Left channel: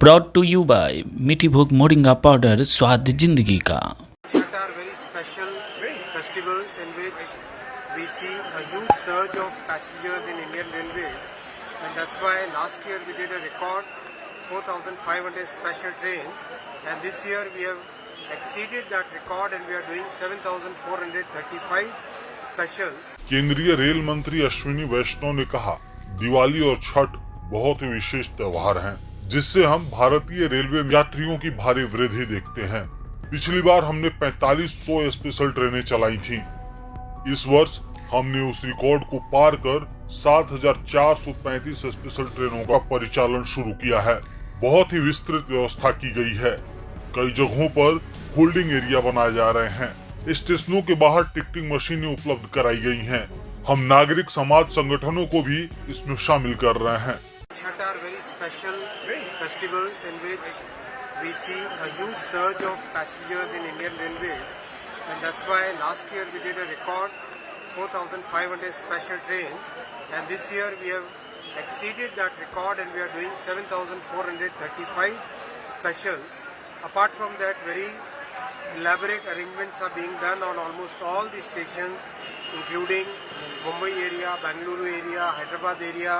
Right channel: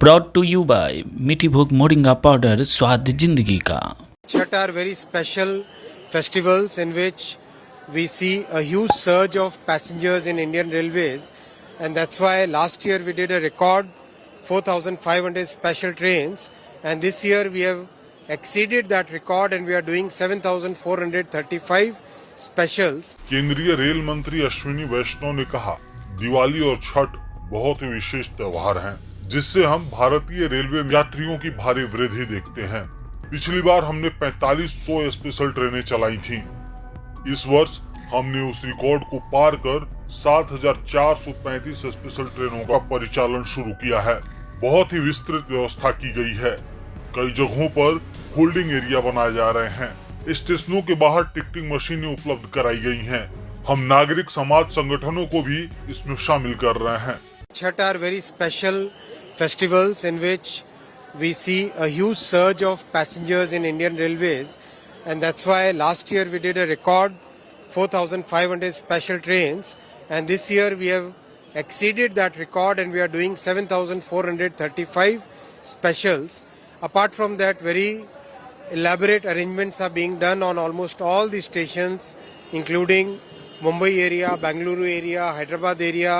Brought to you bye मीठी भोग moringa powder, स्वाद जिंदगी का। Chhath are very special festivals in which we see a huge surge of passengers in Indian Railways, and that's why last year we did a record 4,500 special trains, and this year we have exceeded that record and we are doing 7,435 specials. केंद्रीय rail मंत्री अश्विनी वैष्णव ने कहा, दिवाली और छठ बहुत ही विशेष त्योहार हैं, जिससे हम भारतीय रेलवे यात्रियों की भारी वृद्धि देखते हैं। पिछली बार हमने 4500 स्पेशल ट्रेनें चलाई थीं। इस वर्ष हमने उस रिकॉर्ड को पार कर 7,435 स्पेशल ट्रेनों का परिचालन शुरू किया है। बहुत ही विस्तृत व्यवस्था की गई है। कई जगहों पर होल्डिंग एरिया बनाए जा रहे हैं। स्टेशनों के बाहर टिकटिंग मशीनें उपलब्ध कराई गई हैं। हम नागरिक समाज संगठनों को भी इसमें शामिल कर रहे हैं। Chhath are very special festivals in which we see a huge surge of passengers in Indian Railways, and that's why last year we did a record 4,500 special trains, and this year we have exceeded that record and we are doing 7,435 specials. Apart from that, very elaborate arrangements are being done on almost all the stations, including Mumbai area, Bengaluru area, Hyderabad area,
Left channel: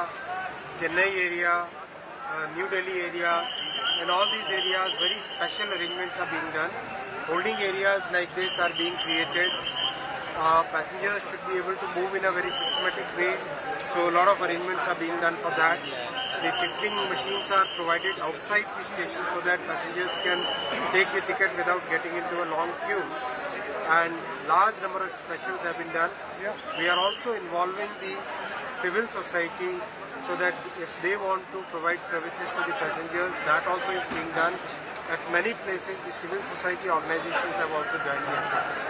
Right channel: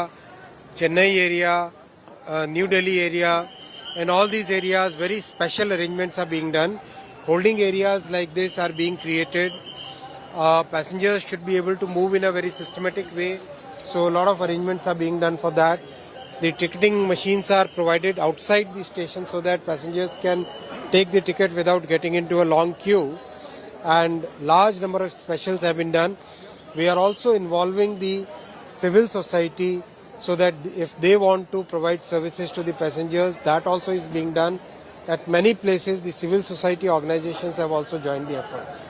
Chennai area, New Delhi area. In all these areas, very special arrangements are being done. Holding areas like this are being created. Passengers should be able to move in a very systematic way. So a lot of arrangements are being done for that. The ticketing machines are provided outside the station so that passengers can take the ticket without getting into a long queue. And large number of specials have been done. We are also involving the civil society so that if they want to provide services to the passengers, that also is being done. At many places, the civil society organizations have also joined the efforts.